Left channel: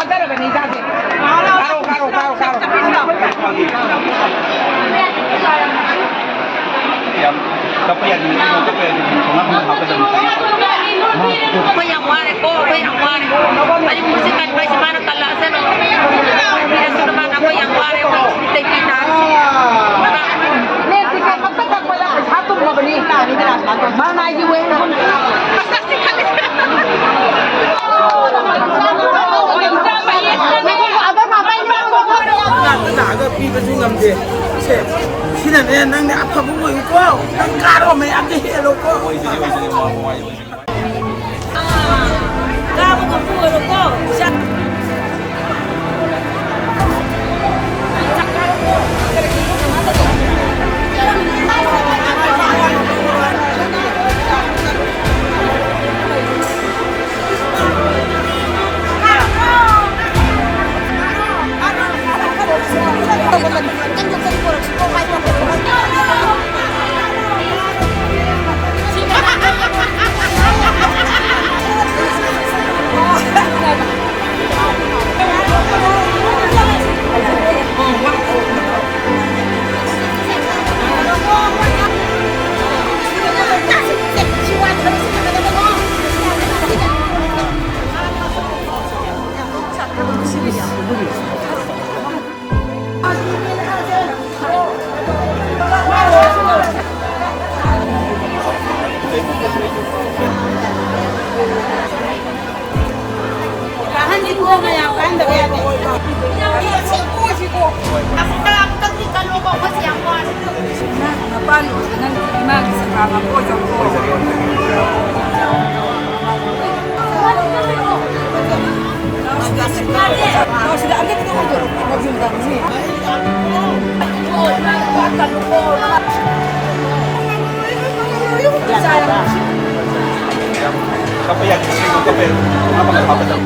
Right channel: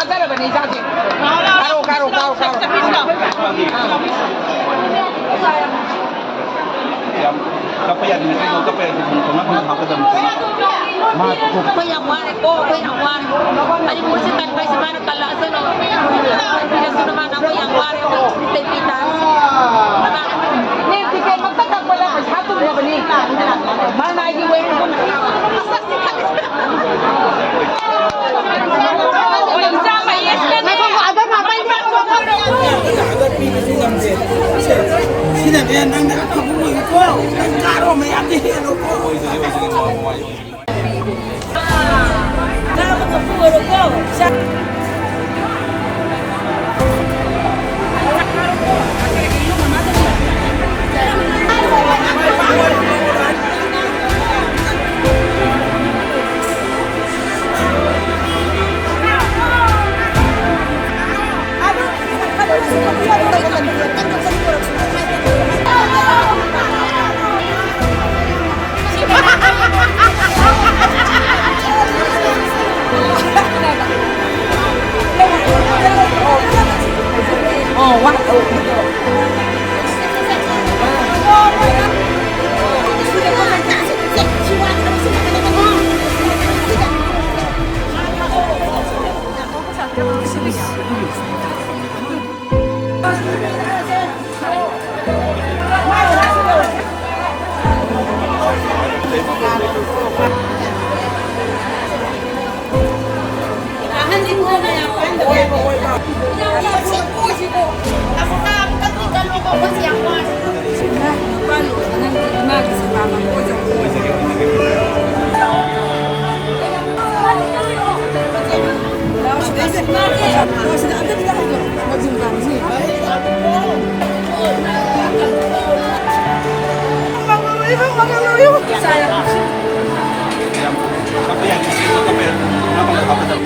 અત્યારે બની જશે કારો કારો કારો કારો Kapaya din ito, kapaya din ito, nga mga hapad ang Ko yang wari ko yang wari. Balik mo si kan si mana kalasan no. Tidak sudah mana ko yang wari ko kita. Nen tikay magtatag wala pa hatong mo bani mana ay giwen kun 나가 비가 중감돼. 시나면 난 아파 보고 있고, 난 가로면 안 돼. 놓고. Kamu ngepur ko. sila agad kita ko doon magjunggang si Kapaya din ito, kapaya nga mga hapad ang